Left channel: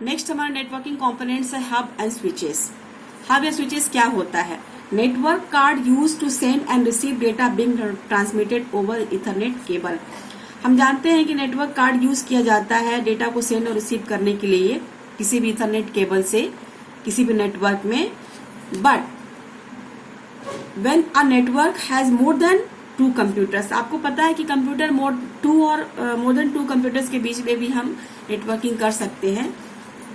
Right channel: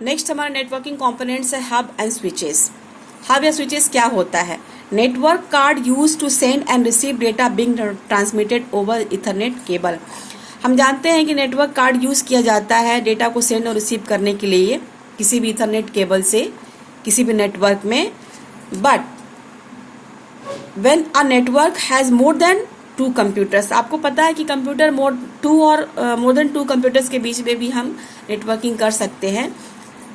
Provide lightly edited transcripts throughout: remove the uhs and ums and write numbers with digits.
Next हमारे networking components है hub and switches. Hub या स्विचेस क्या होता है? Network card use to send and receive data being transmitted over ethernet cable. हम जानते हैं कि नेटवर्क कार्ड यूज किया जाता है डेटा को सेंड और रिसीव करने के लिए किसी भी इथरनेट केबल से किसी भी नेटवर्क में। But when a network has more than 2 computers, आपको पता है कि कंप्यूटर मोर देन 2 कंप्यूटर्स के बीच में भी हम नेटवर्किंग कर सकते हैं।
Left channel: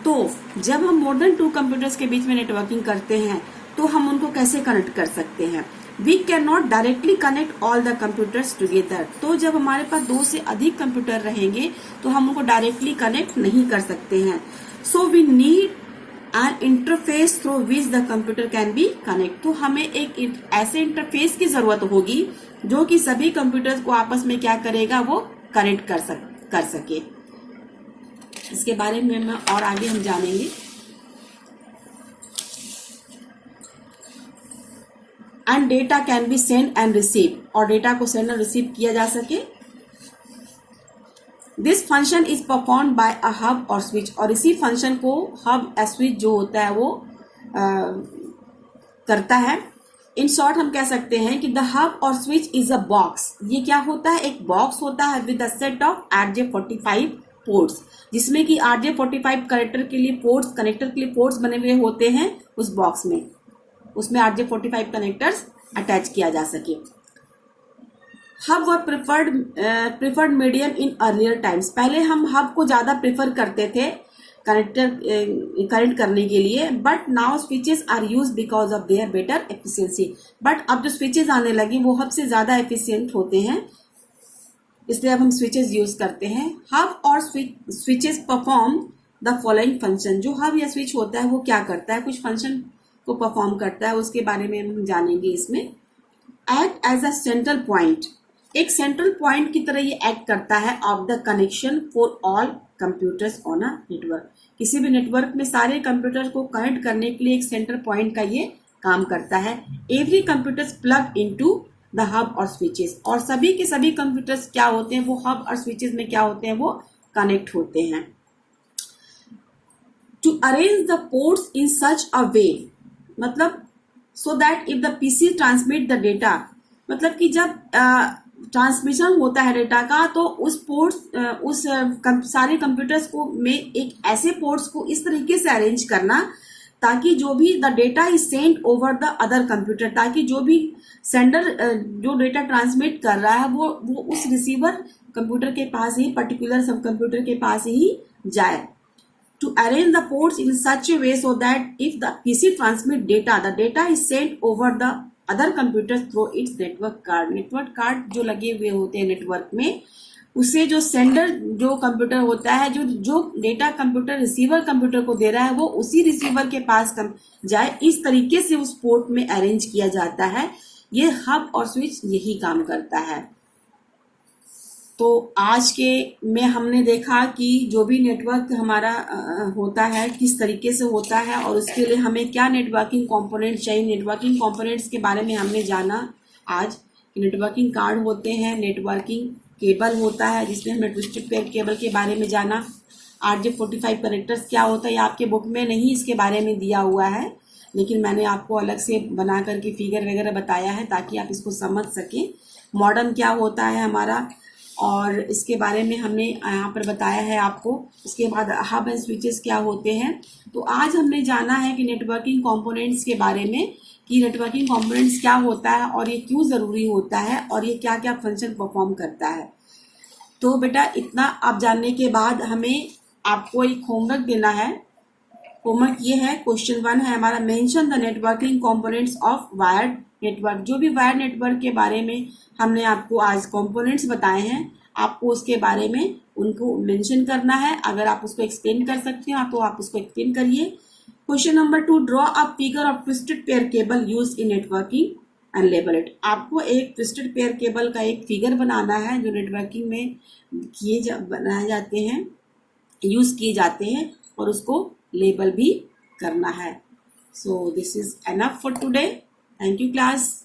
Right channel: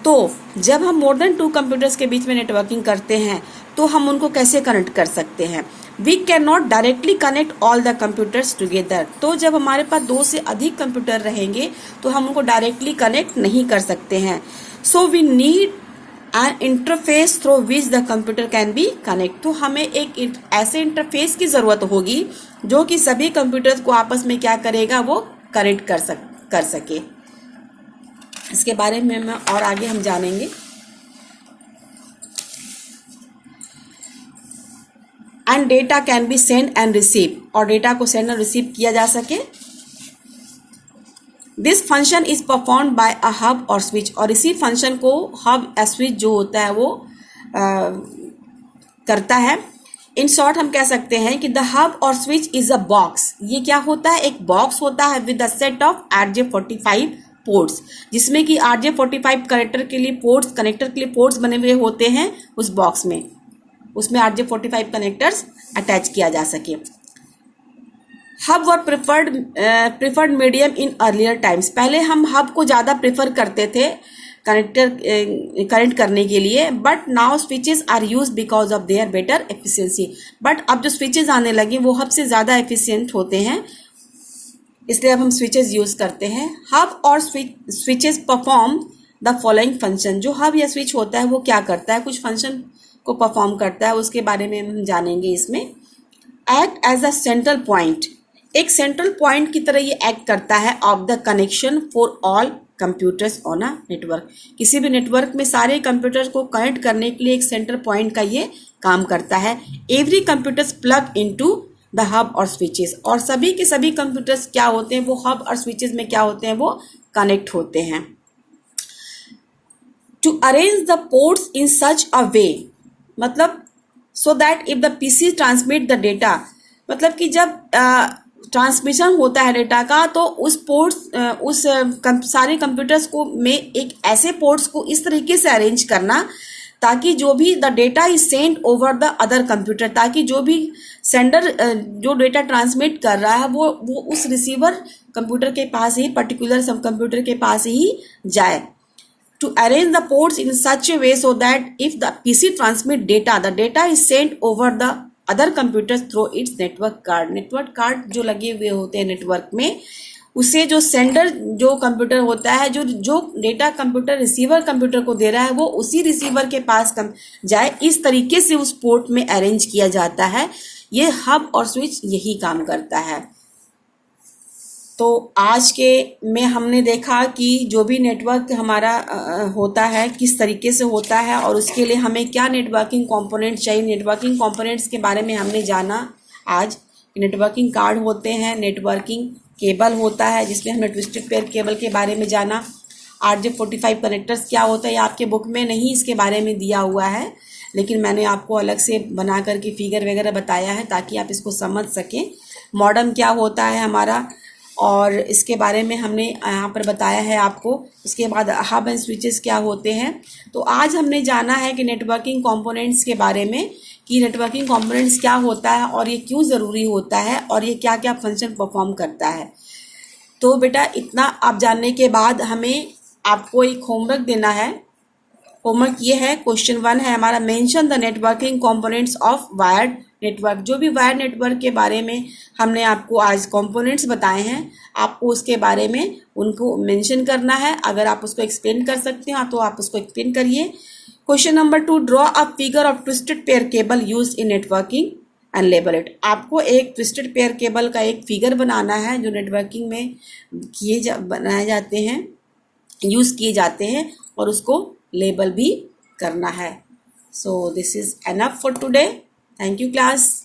तो जब हम मोर देन 2 कंप्यूटर्स के बीच में नेटवर्किंग करते हैं तो हम उनको कैसे कनेक्ट कर सकते हैं? We can not directly connect all the computers together. तो जब हमारे पास 2 से अधिक कंप्यूटर रहेंगे तो हम उनको डायरेक्टली कनेक्ट नहीं कर सकते हैं। So we need an interface through which the computer can be connect. तो हमें एक ऐसे इंटरफेस की जरूरत होगी जो कि सभी कंप्यूटर्स को आपस में क्या करेगा, वो कनेक्ट कर सके। इसके बारे में और आगे हम जानेंगे। And data can be send and receive, और डेटा को सेंड और रिसीव किया जा सके। This function is perform by a hub और स्विच, और इसी फंक्शन को हब या स्विच जो होता है वो करता है। इन शॉर्ट हम कह सकते हैं कि द हब और स्विच इज अ बॉक्स। ये क्या होता है? एक बॉक्स होता है with a set of RJ45 ports, जिसमें कि RJ45 कनेक्टर के लिए पोर्ट्स बने हुए होते हैं उस बॉक्स में। उसमें RJ45 कनेक्टर्स अटैच किया जा सके। हब और preferred medium in earlier times. पहले हम हब को ज़्यादा प्रेफर करते थे कनेक्ट करने के लिए, but now switches are use because of their better efficiency. बट अब जो स्विचेस आने लगे वो हब से ज़्यादा एफिशिएंट होते हैं, इसलिए अब हम स्विचेस यूज करते हैं। हब और switches perform the following function. जो हब या स्विच होता है वो क्या करता है? कुछ फंक्शन को परफॉर्म करता है, उसके बारे में हम जानेंगे इसमें। Act as a central point, एक सेंट्रल पॉइंट की तरह ये एक्ट करता है of the connection for all computers on a network. किसी भी नेटवर्क में सारे कंप्यूटर्स को कनेक्ट करने के लिए एक सेंट्रल पॉइंट का ये काम करता है। Every computers plug into the hub और स्विचेस, और सभी के सभी कंप्यूटर्स क्या होते हैं, वो हब और स्विचेस में क्या होते हैं, वो कनेक्ट होते हैं। To arrange the ports in such a way, मतलब so that if the PC transmit the data, मतलब कि जब ट्रांसमिशन होता है डेटा का तो सारे कंप्यूटर्स को में एक ऐसे पोर्ट्स को इस तरीके से अरेंज करना ताकि जो भी the data is send over the other computer, ताकि जो भी सेंडर जो डेटा ट्रांसमिट कर रहा है वो उस रिसीवर कंप्यूटर के पास ही, पर्टिकुलर सब कंप्यूटर के पास ही जाए। To arrange the ports in such a way so that if the PC transmit data, the data is sent over the other computers through its network card. Network card जो लगे हुए होते हैं network में, उसे जो सेंडर जो computer होता है, जो डेटा कंप्यूटर रिसीवर कंप्यूटर को दे रहा है, वो उसी रिसीवर के पास जाए, इस तरीके से उस पोर्ट में अरेंज किया जाता है। ये हब और स्विच यही काम करता है। तो आज के में हमने देखा कि जो भी नेटवर्क हमारा होता है किस तरीके से होता है और उसके लिए हमें क्या नेटवर्किंग कंपोनेंट चाहिए। नेटवर्किंग कंपोनेंट्स के बारे में हमने जाना आज। नेटवर्किंग कार्ड होते हैं, नेटवर्किंग केबल होता है जिसमें हमने ट्विस्टेड पेयर केबल के बारे में जाना। RJ45 कनेक्टर्स क्या होता है, आपके बुक में नहीं इसके बारे में दिया हुआ है, लेकिन मैंने आपको अलग से बना करके फिगर वगैरह बताया है ताकि आप इसको समझ सकें। मॉडेम क्या होता है हमारा, और इसके बारे में हमने यहाँ पर बताया है आपको। इसके बाद हब एंड स्विचेस क्या होते हैं। तो आज हमने जाना है कि नेटवर्किंग कंपोनेंट्स के बारे में, कि नेटवर्किंग कंपोनेंट्स क्या होता है और ये क्यों ज़रूरी होता है और ये क्या क्या फंक्शन परफॉर्म करता है। तो बेटा इतना आप जानने के बाद हमें आपको एक होमवर्क देना है। होमवर्क ये है, क्वेश्चन 1 है हमारा, mention the networking components of wired network. जो भी वायर्ड नेटवर्क के बारे में हमने आपको आज कंपोनेंट्स बताए हैं, आपको उसके बारे में उनको मेंशन करना है। अगर आप उसको एक्सप्लेन कर सकते हो तो आप उसको एक्सप्लेन करिए। Question number 2, draw a figure of twisted pair cable use in networking and label it. आपको एक ट्विस्टेड पेयर केबल का एक फिगर बनाना है जो नेटवर्किंग में बनाए जाते हैं, यूज़ किए जाते हैं, और उसको लेबल भी करना है। So this is enough for today. Thank you class.